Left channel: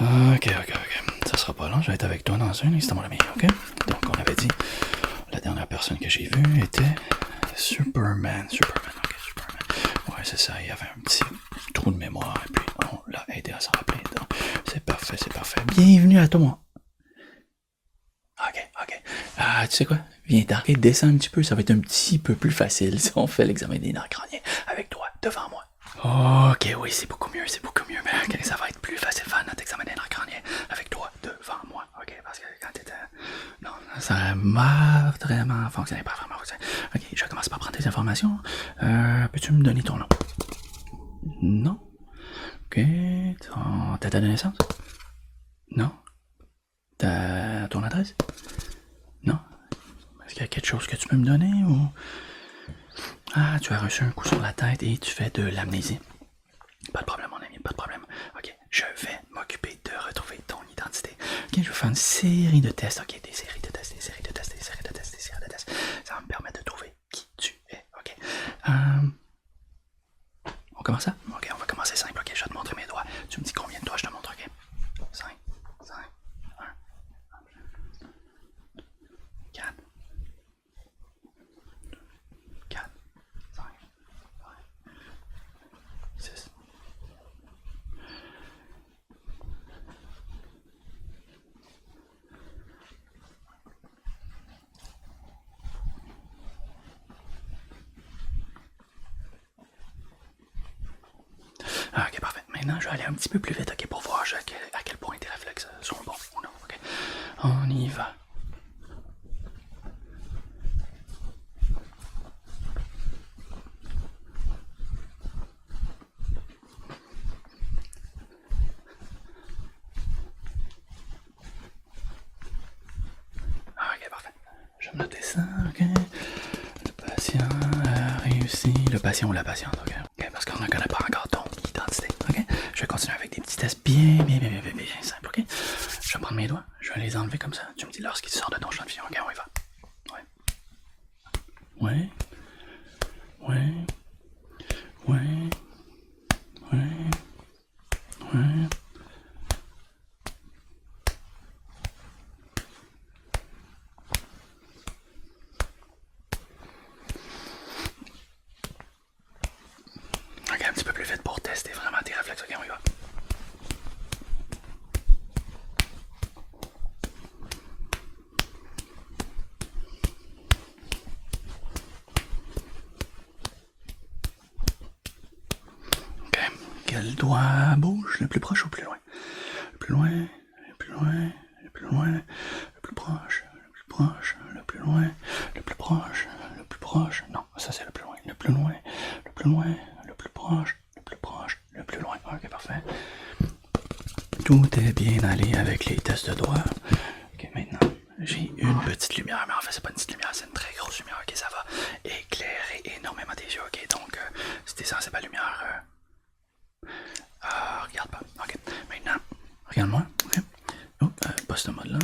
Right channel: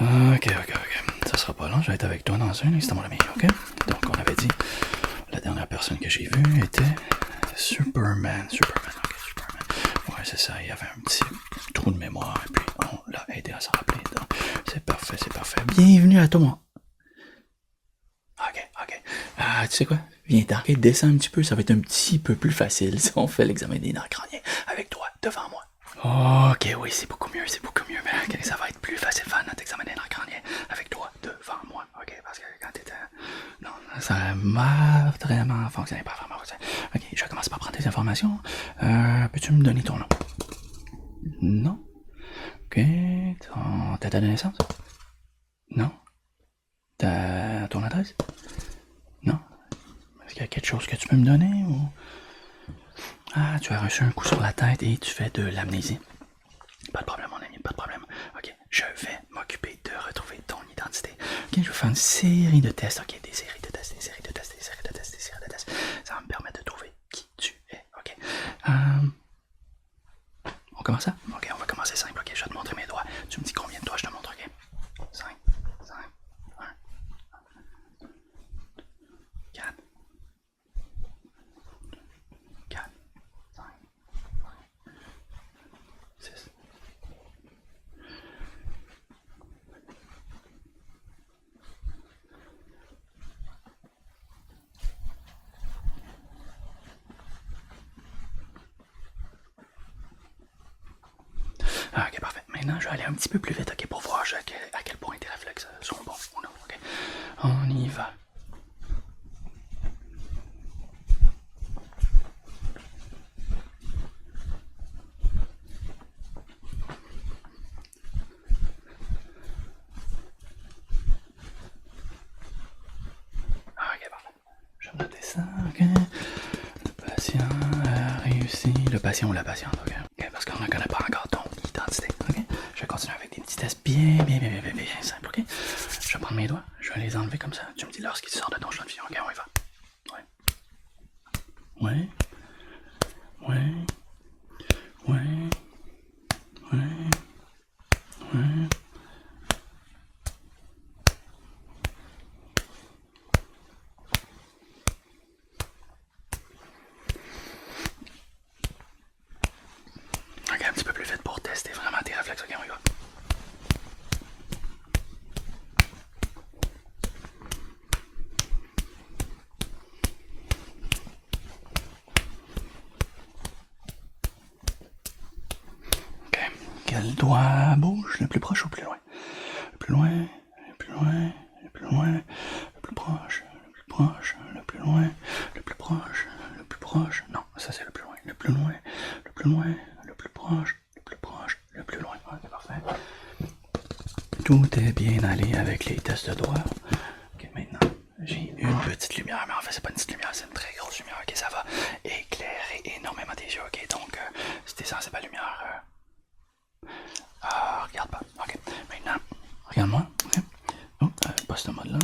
Ok. Ça sera pas long, je vais être avec toi dans un instant, mon ami, ok? Donc, on avait dit, la dernière personne que j'ai vue était Superman. Ok, Superman. Ouais, c'est ça, il y avait un petit trou de mémoire, et puis on l'a aidé à s'en rappeler. Donc, c'est parfait. Bienvenue à toi. Ok. Ah, tu sais quoi? Viens t'arrêter, descends un petit peu, ça va être un petit peu plus facile si on fait l'examen des nerfs crâniens avec toi, devant moi. Ok, oui, c'est beaucoup mieux. Ok, ça va être plus facile faire notre examen des nerfs crâniens avec toi, devant moi. Ok, parce que quand t'étais... Non, ça a vraiment fonctionné, pas vraiment fonctionné. Ok, je vais commencer par prendre tes informations. Peux-tu me donner ton nom? Non. Ok, ta date de naissance? Non. Ton adresse? Non. Est-ce qu'il y a quelque chose que tu peux me donner ou... Ah, tu as reçu un coup sur la tête et tu fais de l'amnésie. Pas de problème, mon ami, pas de problème. Ok, je vais m'occuper de retrouver ton identité. Ok, je vais faire une série de tests. Ok, des séries de tests. Ça va me permettre de trouver qui tu es. Ok. On commence ça? Ok, on va commencer simple. Ok, je vais te montrer mes doigts. Tu me dis combien de doigts je te montre, ok? 5, 1, 4, 4, 5, 6. Ok, parfait. Maintenant, je vais aller un petit peu plus vite, ok, pour voir à quel point tes réflexes sont bons ou non, ok? On y va. Ok, parfait. Je vais noter ça, ok? Le patient a réussi. Le patient ou la patiente, ok? Ok, parce qu'on ne connaît pas encore ton identité, ok? Je vais continuer avec des petits tests bien simples, ok? Je vais prendre mes doigts, je vais les enlever comme ça. Tu me dis lorsqu'ils sortent de ton champ de vision, ok? On y va. Ouais. Ok, un petit peu plus vite pour tester vraiment tes réflexes, ok? On y va. Ok. Quel doigt bouge? Le plus proche ou plus loin? Le plus loin, le plus loin, le plus loin, le plus proche, le plus proche, le plus loin, le plus proche, le plus proche. Non, ça c'est le plus loin. Le plus loin, le plus loin, le plus proche, le plus proche, le plus loin. Ok, parfait. Tout est bien allé avec les tests de doigts. Ok, maintenant, j'ai une petite lumière, mais en fait, c'est pas une petite lumière, c'est une très grosse lumière. Ok, ça va éclairer énormément tes yeux. Ok, donc, si t'es sensible à la lumière, regarde pas. Ok, maintenant, regarde-moi. Ok, oh, pas ce mode-là.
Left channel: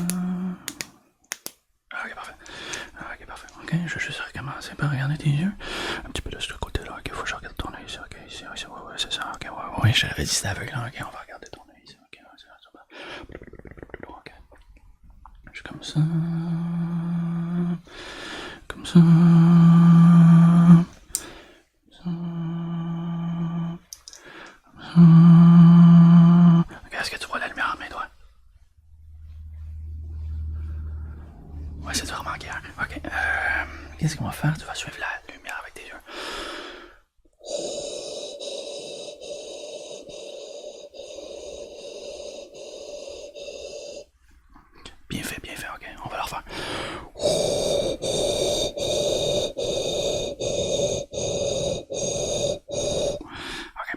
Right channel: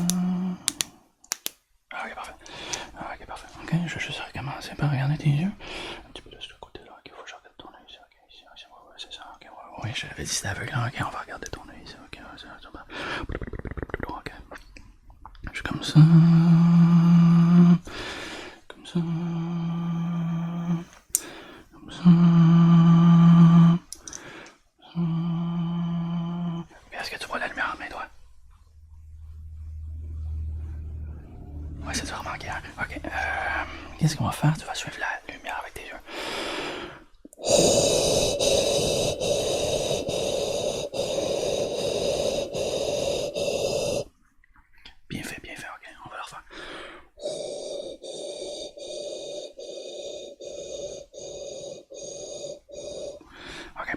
Ok, parfait. Ok, je vais juste recommencer par regarder tes yeux. Un petit peu de ce côté-là. Ok, faut que je regarde ton œil ici. Ok, ici, ouais, c'est ça. Ok, ouais, je l'avais dit, c'était aveugle. Ok, on va regarder ton œil ici. Ok, ouais, ça va. Ok. Je suis comme ça. Comme ça. Comme ça. Ok, est-ce que tu vois la lumière à mes doigts? Ouais, c'est vraiment clair. Ok, qu'est-ce qu'on va faire? Tu vas suivre la lumière avec tes yeux. Bien fait, ok, on va le refaire. Ok,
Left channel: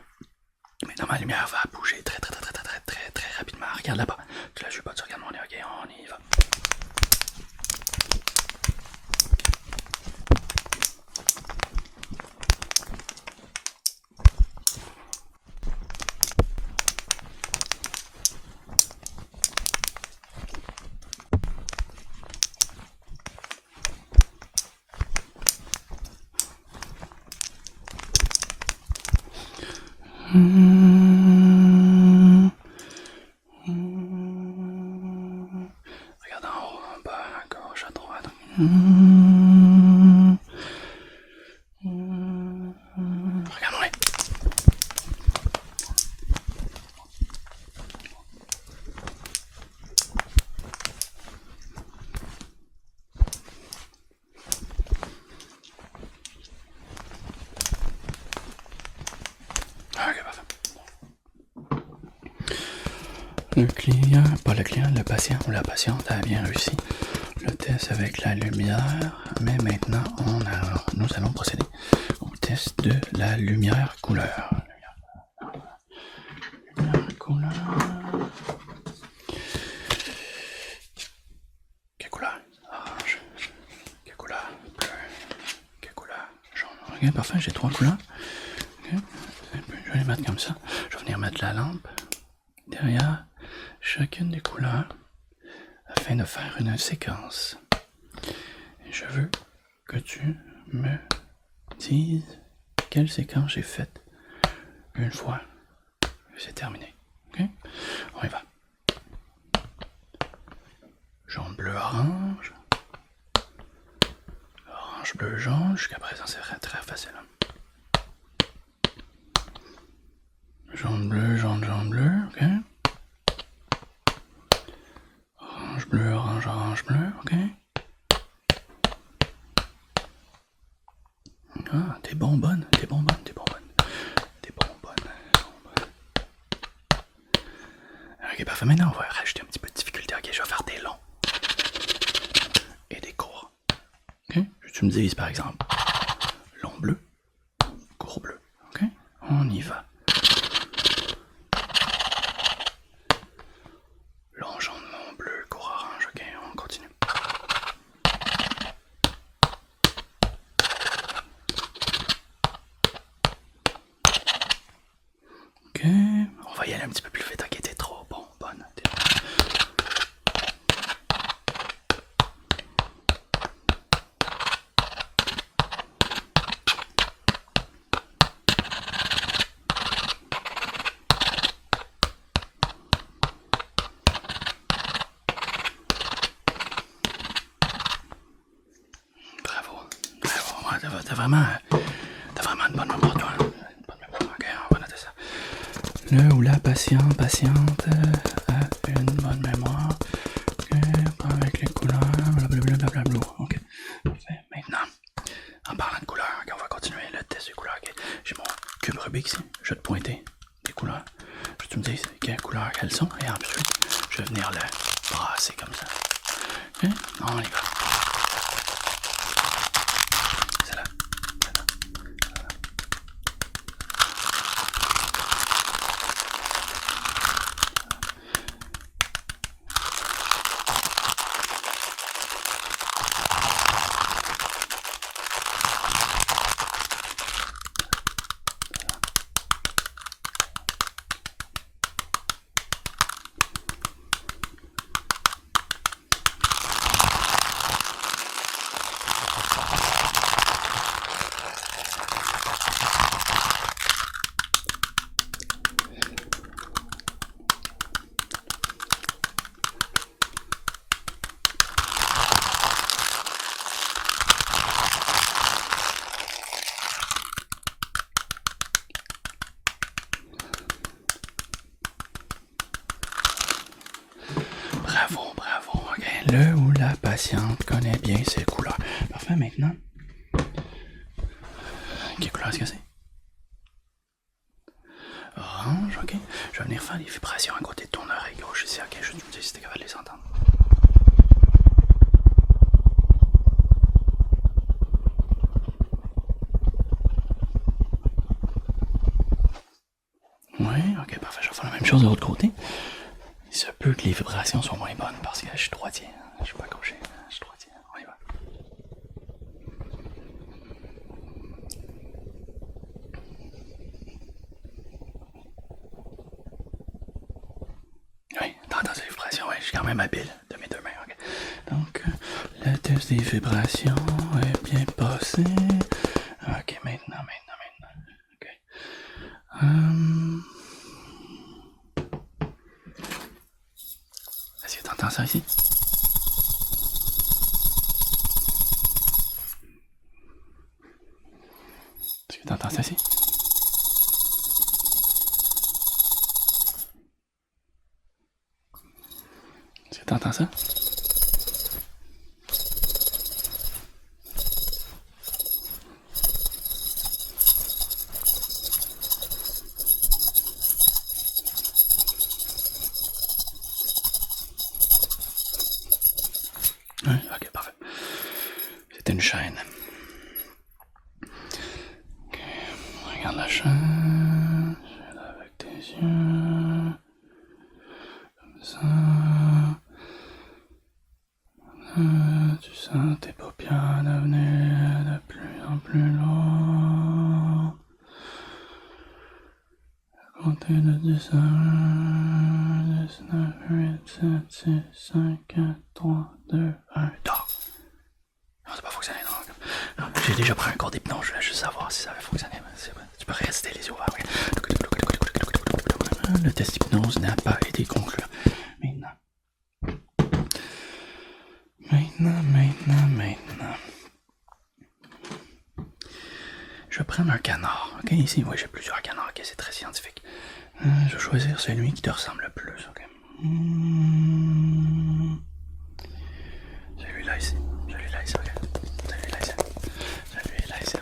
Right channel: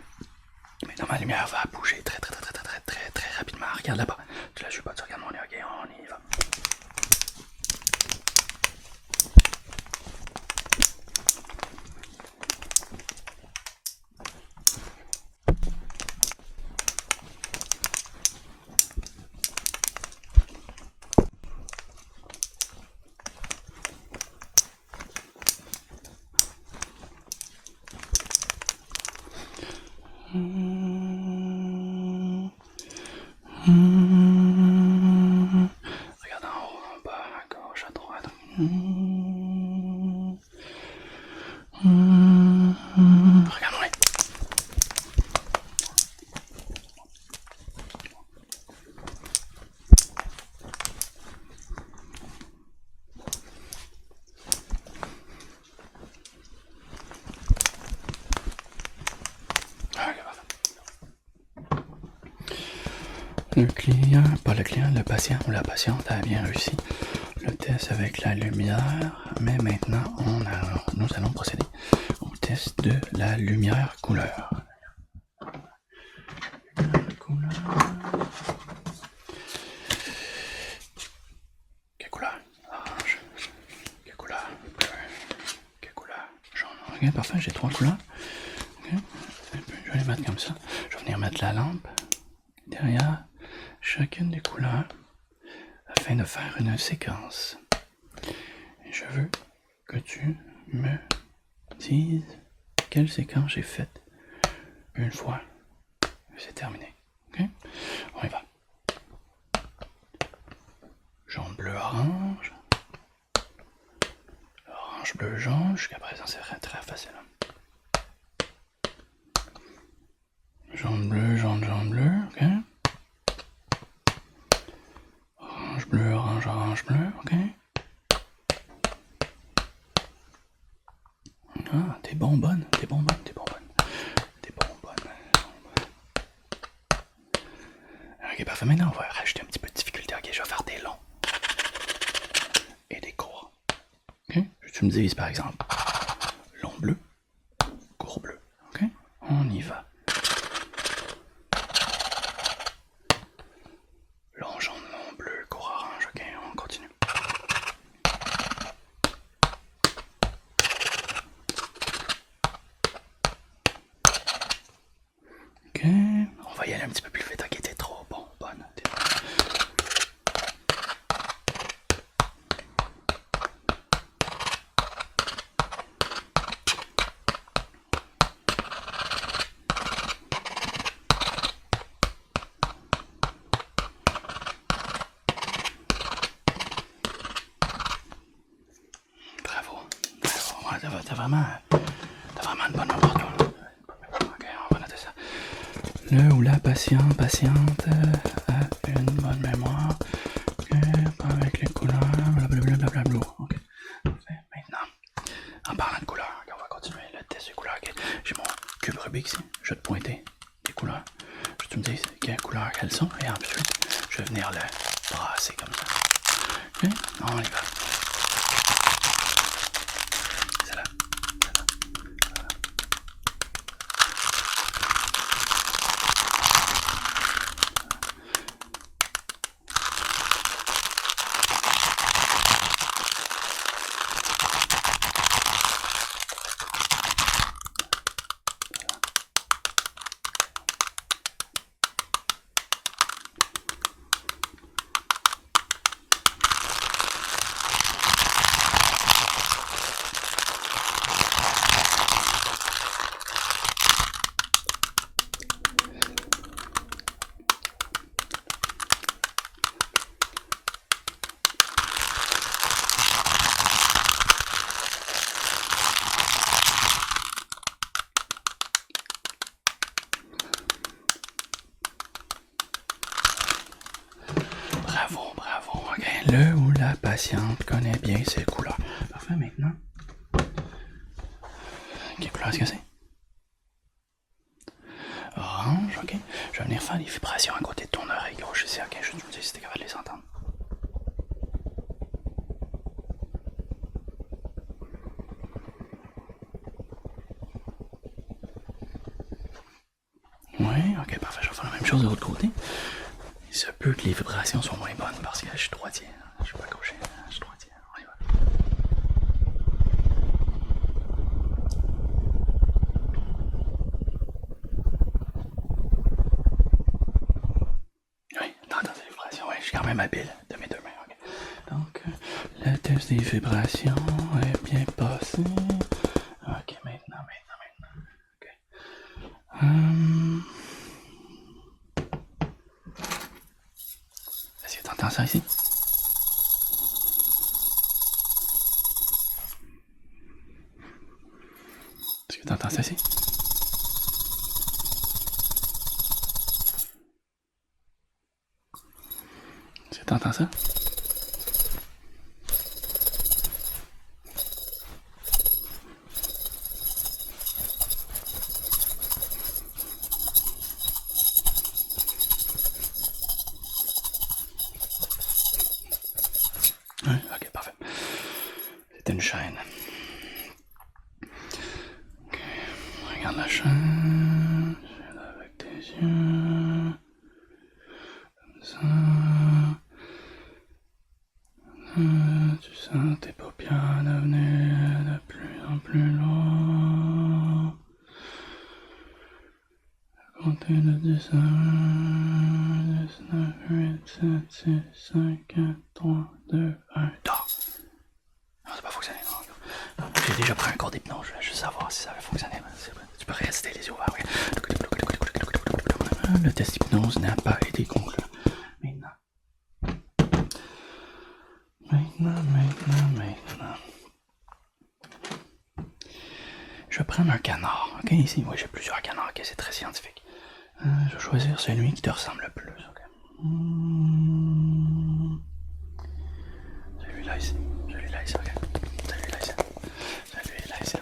maintenant ma lumière va bouger très rapidement. Regarde là-bas, tu la joues pas, tu regardes mon nez, ok, on y va. Regarde-moi. Ok, parfait. Le client, pas le client, le patient ou la patiente a bien réussi le test avec la lumière, mais maintenant nous allons procéder au test de la lumière couleur. Lumière couleur. Quelle couleur? Orange. Quelle couleur? Bleu. Quelle couleur? Jaune. Ok, parfait, j'ai 3 couleurs. Okay. Je vais les mettre comme ça. Je vais venir mettre la lampe derrière chacune des couleurs afin de faire une séquence. Et je veux que tu me dises quelle séquence j'ai faite une fois que c'est terminé. Ok? On y va. Jaune, bleu, orange. Orange, bleu, jaune. Jusqu'à présent, c'est très facile. Jaune, bleu, jaune, bleu. Ok? Orange, bleu, orange, bleu. Ok? Ah, t'es bonbonne. Ok, parfait. Maintenant, on va rajouter un petit peu de difficulté. Ok, je vais faire des longs et des courts. Ok? Tu me dises, par exemple, long bleu, court bleu. Ok? On y va. Long jaune, long bleu, court orange. Ok, on continue. Ok, on va y aller un petit peu plus vite. Ok, t'es trop bonne. Bravo. T'as vraiment une bonne mémoire, toi. Ok, on va noter ça. Le ou la patiente a une bonne mémoire. Ok, avec les couleurs, blablabla. Ok, parfait. Maintenant, en parlant de couleurs, okay, on va continuer le test des couleurs. Okay. J'ai mon cube Rubik ici. Je vais te pointer des couleurs. Je vais te me dire quelles couleurs elles sont. Et ensuite, je vais venir le brasser comme ça. Ok, on y va. Bravo. Okay. Le ou la patiente connaît bien ses couleurs. Parfait, maintenant. Quelle couleur est-ce que c'est? Orange, ok. Je vais venir faire les vibrations à côté de ton oreille gauche ici, ok. Je vais te dire si t'es capable de les entendre. Oui, ok, parfait. Je vais faire la même chose de l'autre côté. Il se peut que les vibrations soient moins bonnes parce que je suis droitier. Je suis pas gaucher, je suis droitier. On y va. Oui, t'entends ces vibrations, oui, je suis quand même habile de mes 2 mains. Okay. Donc, le test des vibrations est bien passé. Ok, maintenant. Ok. Est-ce que t'entends ça ici? que t'entends ça ici? Est-ce que t'entends ça? Oui, ok, parfait. C'était une chaîne. Ok, regarde la chaîne. Avec tes yeux. Comme ça. Tu sens tes paupières devenir de plus en plus lourdes. Comptez de 10 à 1, 10, 9, 8, 7, 6, 5, 4, 3, 2, 1, dors. Non, c'est pas fonctionné, non. J'ai déjà pris un cours d'hypnose, je voulais juste savoir si ça avait fonctionné. Tu peux rester les yeux ouverts. Le test hypnose n'a pas été concluant. Maintenant. Je vais prendre un canard. Ok, ici, oui, j'ai plusieurs canards. Ok, c'est très scientifique. Je vais choisir celui qui te ressemble le plus. Ok. Celui-là ici. Ok. Celui-là ici.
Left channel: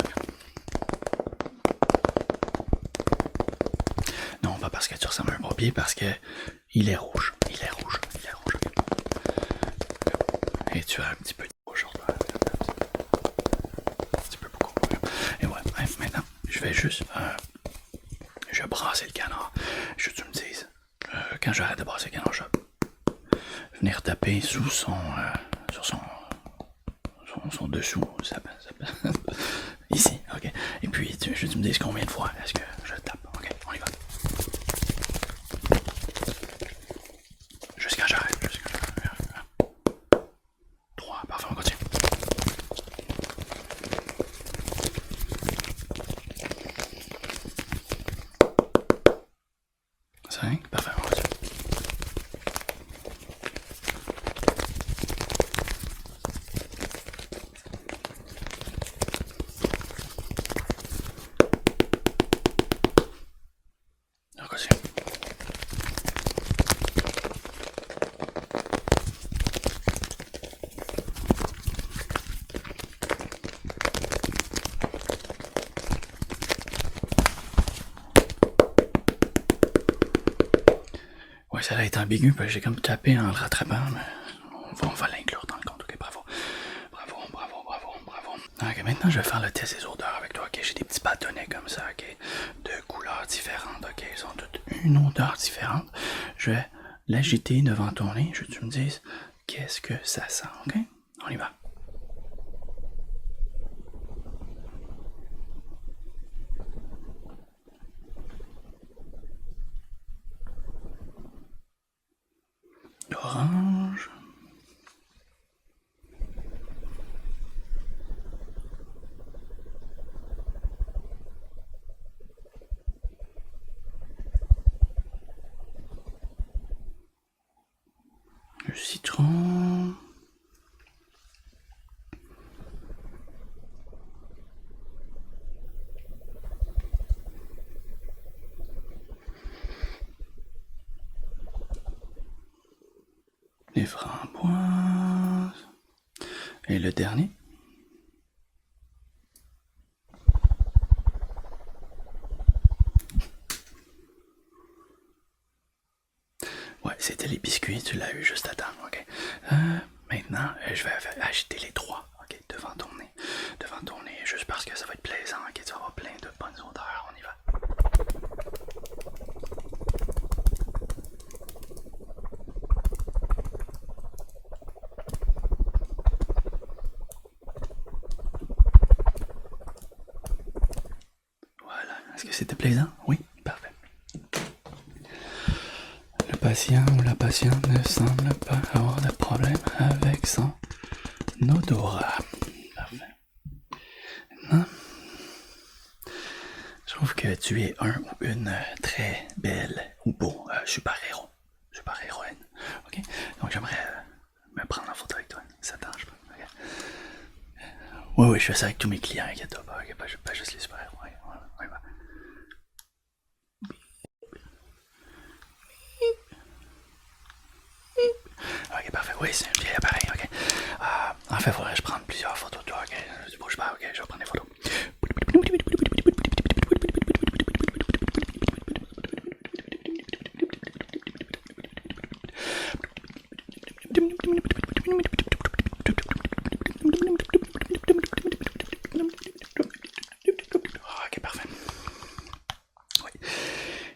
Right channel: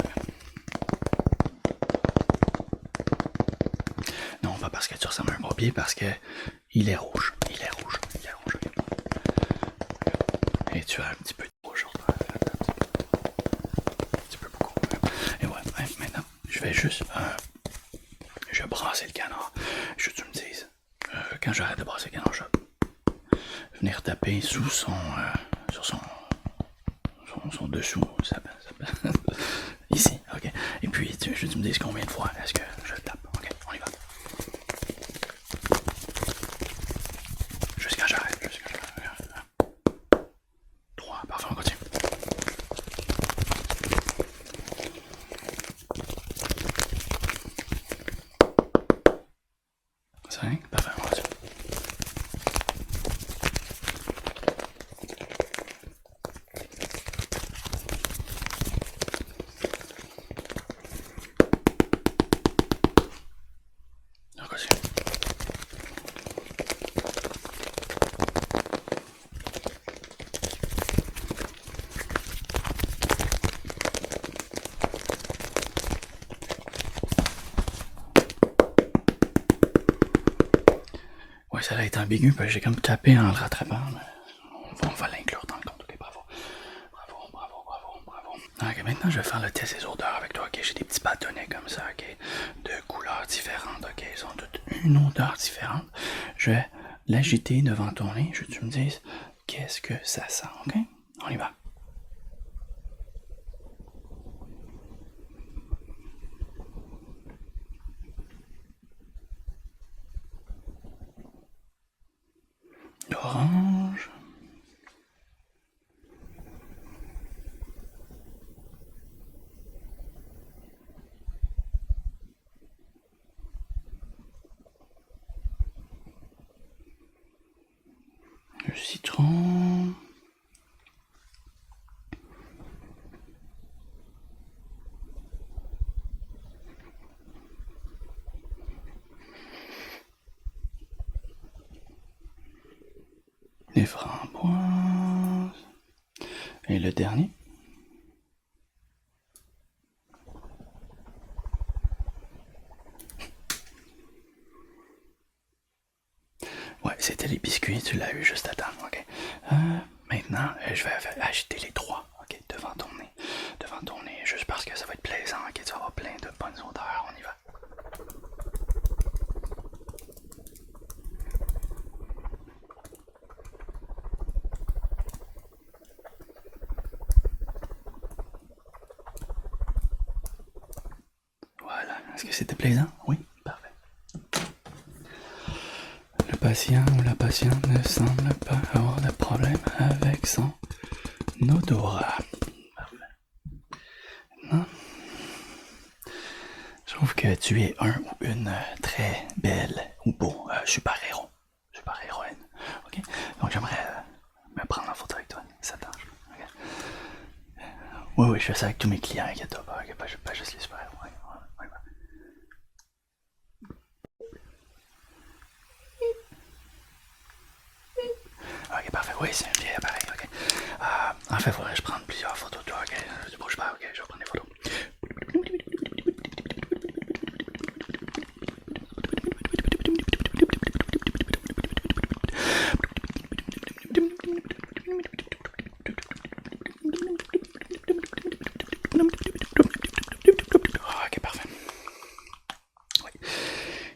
Non, pas parce que tu ressembles à un pompier, parce que il est rouge. Ok. Et tu as un petit peu de rouge. Un petit peu beaucoup. Et ouais, bref, maintenant, je vais juste... je vais brasser le canard. Je veux que tu me dises, quand j'arrête de brasser le canard, je vais venir taper sous son... sur son dessous. Ici, ok. Et puis, je veux que tu me dises combien de fois est-ce que je le tape. Ok, on y va. Jusqu'à j'arrête. 3, parfait, on continue. 5, parfait, on continue. On continue. Ouais, ça a été ambigu, parce que j'ai comme tapé en le rattrapant, mais on va l'inclure dans le compte. Ok, bravo. Ok, maintenant je vais faire le test des odeurs avec toi. Ok, j'ai des petits bâtonnets comme ça, ok, de couleurs différentes. Ok, ils ont toutes une odeur différente. Je vais l'agiter devant ton nez. Je veux que tu me dises qu'est-ce que ça sent. Ok, on y va. Orange. Le citron. Les framboises. Et le dernier. Ouais, c'était les biscuits, tu l'as eu juste à temps, ok. Maintenant, je vais agiter les trois, ok, devant ton nez, juste parce que ça va être plaisant, ok, tu vas avoir plein de bonnes odeurs, on y va. Voilà, est-ce que c'était plaisant? Oui, parfait. Le patient ou la patiente ne semble pas avoir de problème avec son odorat. Parfait. Maintenant, je trouve que tu es un ou une très belle ou beau super-héros, super-héroïne. Ok? Donc j'aimerais me prendre en photo avec toi. Ça t'arrange pas? Okay? Oui, je fais ça avec tous mes clients, inquiète pas. Okay? Pas juste les super-héros. Ouais. Oui, c'est un vieil appareil, ok. En fait, faudrait que je prenne plusieurs photos de toi, ok. Tu bouges pas, ok, je vais prendre des photos. Ok, parfait. Oui,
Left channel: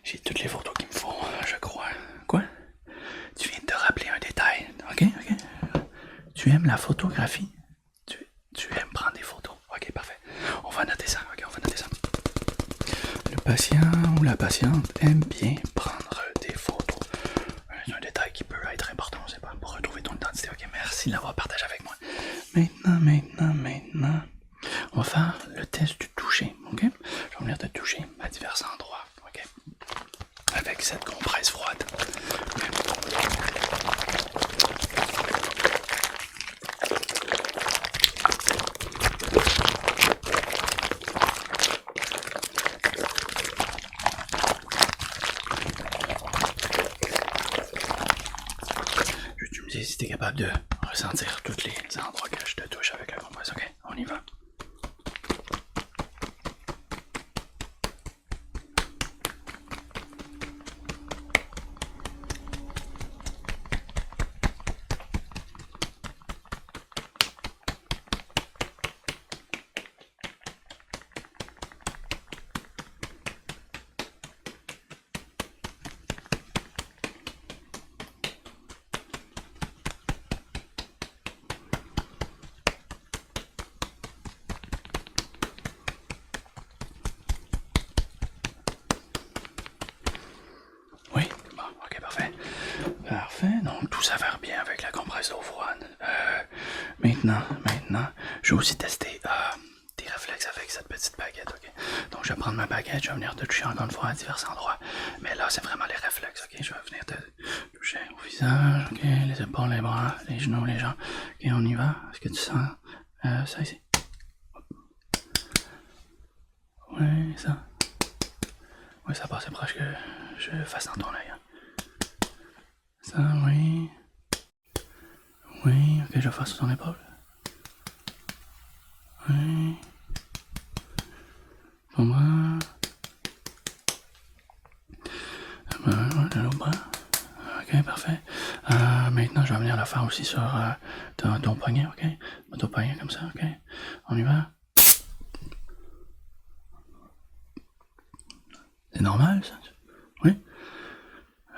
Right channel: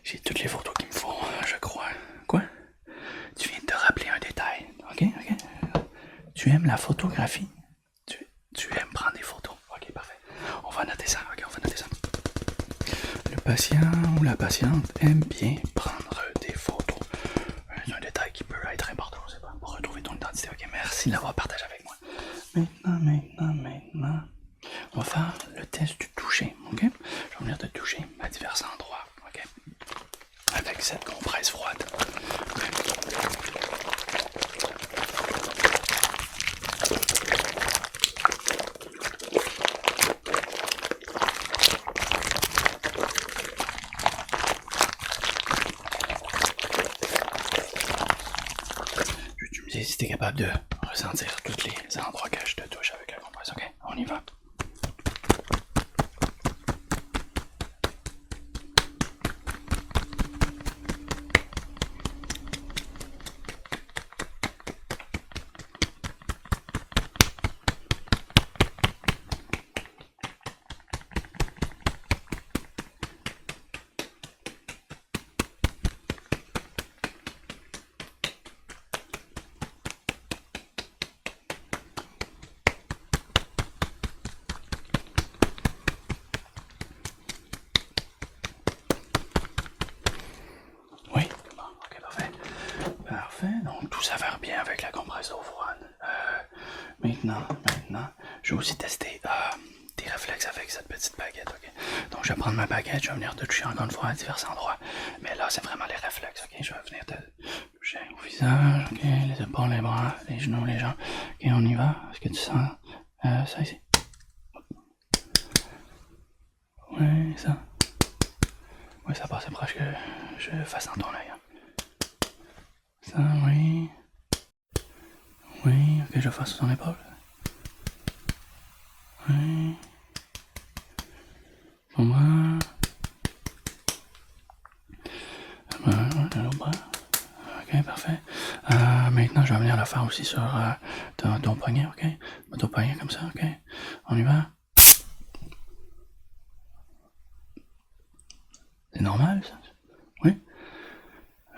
j'ai toutes les photos qu'il me faut, je crois. Quoi? Tu viens de te rappeler un détail, ok, ok. Tu aimes la photographie? Tu aimes prendre des photos? Ok, parfait. On va noter ça, ok, on va noter ça. Le patient ou la patiente aime bien prendre des photos. C'est un détail qui peut être important, c'est pas pour retrouver ton identité. Ok, merci d'avoir partagé avec moi. Maintenant, on va faire le test du toucher, ok? Je vais venir te toucher à divers endroits, ok? Avec cette compresse froide. Okay. Tu me dis si t'es capable de ressentir tous les endroits que je te touche avec la compresse, ok? On y va. Oui, bon, ok, parfait. Parfait, donc tout s'avère bien avec la compresse d'eau froide. Maintenant, je vais aussi tester tes réflexes avec cette petite baguette, ok? Donc je vais prendre ma baguette, je vais venir te toucher encore une fois à divers endroits. Mais là, c'est vraiment les réflexes, ok? Je vais venir te toucher au visage, ok? Les épaules, les bras, les genoux, les jambes. Ok, on y va. Est-ce que tu sens ça ici? Oui, ça. Oui, ça passe proche que je fasse dans ton œil. Hein. Ça, oui. Oui, ok, je fasse ton épaule. Oui. Bon. L'autre bras. Ok, parfait. Maintenant, je vais venir le faire aussi sur ton poignet, ok? Ton poignet comme ça, ok? On y va? C'est normal, ça? Oui?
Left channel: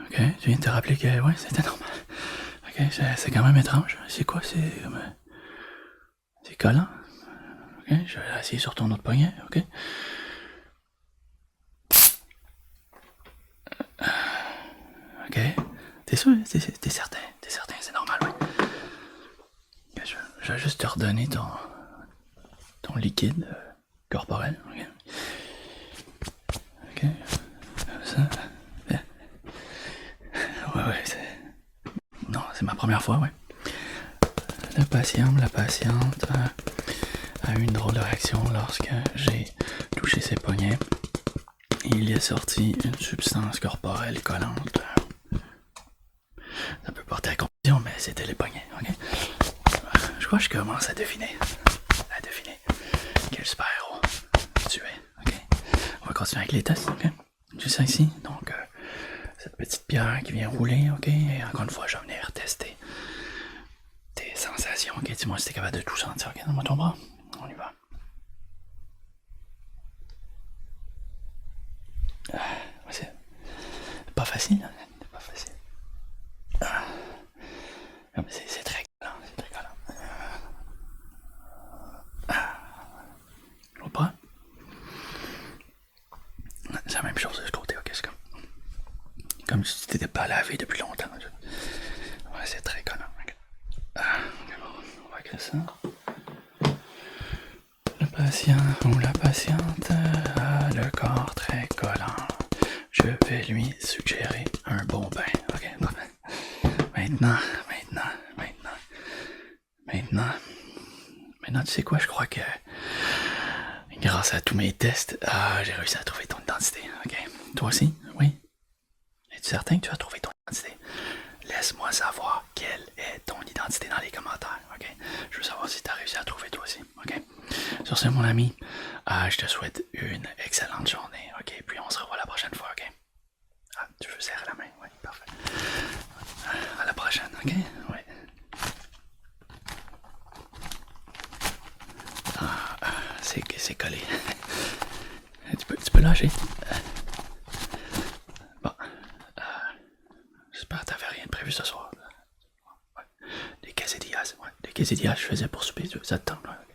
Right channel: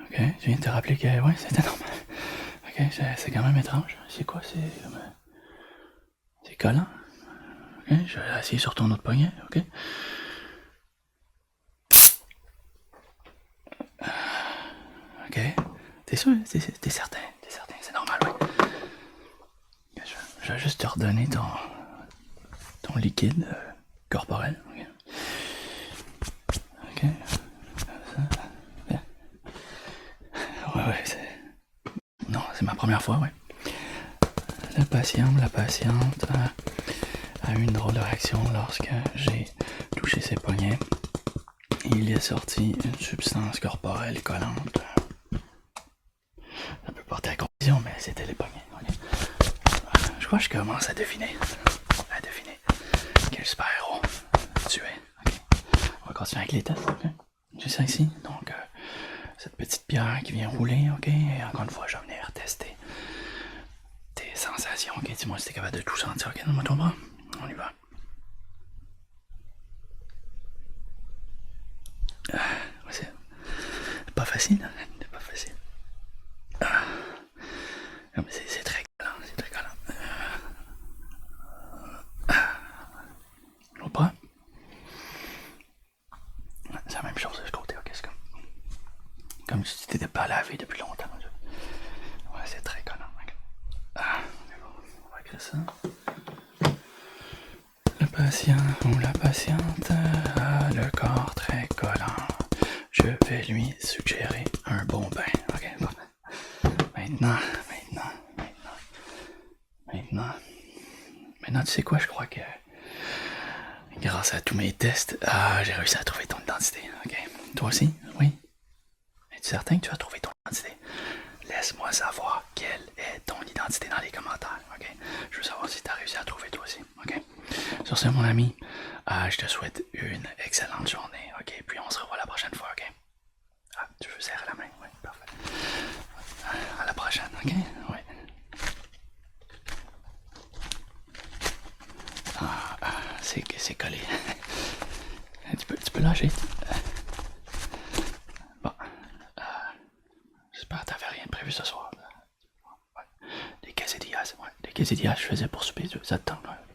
Ok, tu viens de te rappeler que, oui, c'était normal. Ok, c'est quand même étrange. C'est quoi? C'est collant. Ok, je vais essayer sur ton autre poignet, ok? Ok. T'es sûr? T'es certain? T'es certain? C'est normal, oui. Je vais juste te redonner ton liquide corporel, ok? Ok. Ça. Bien. Ouais, c'est... Non, c'est ma première fois, ouais. La patiente a eu une drôle de réaction lorsque j'ai touché ses poignets. Il est sorti une substance corporelle collante. Ça peut porter à confusion, mais c'était les poignets, ok? Je crois que je commence à deviner. Quel super-héros tu es, ok? On va continuer avec les tests, ok? Juste ici, donc cette petite pierre qui vient rouler, ok? Et encore une fois, je vais venir tester tes sensations, ok? Dis-moi si t'es capable de tout sentir, ok? Donne-moi ton bras, on y va. C'est pas facile, hein? C'est pas facile. C'est très collant, c'est très collant. L'autre bras? C'est la même chose de ce côté, ok? C'est comme si tu t'étais pas lavé depuis longtemps. Ouais, c'est très collant. Okay. On va créer ça. Le patient ou la patiente a le corps très collant. Je vais lui suggérer un bon bain. Ok, maintenant, tu sais quoi, je crois que grâce à tous mes tests, j'ai réussi à trouver ton identité. Ok, toi aussi, oui? Es-tu certain que tu as trouvé ton identité? Laisse-moi savoir quelle est ton identité. Sur ce, mon ami, je te souhaite une excellente journée, ok? Puis on se revoit la prochaine fois, ok? Ah, tu veux serrer la main? Oui, parfait. À la prochaine, ok? Oui. C'est collé. Tu peux lâcher. Bon. J'espère que t'avais rien de prévu ce soir. Ouais. Les quesadillas, ouais. Les quesadillas, je faisais pour souper, ça te tente, ouais.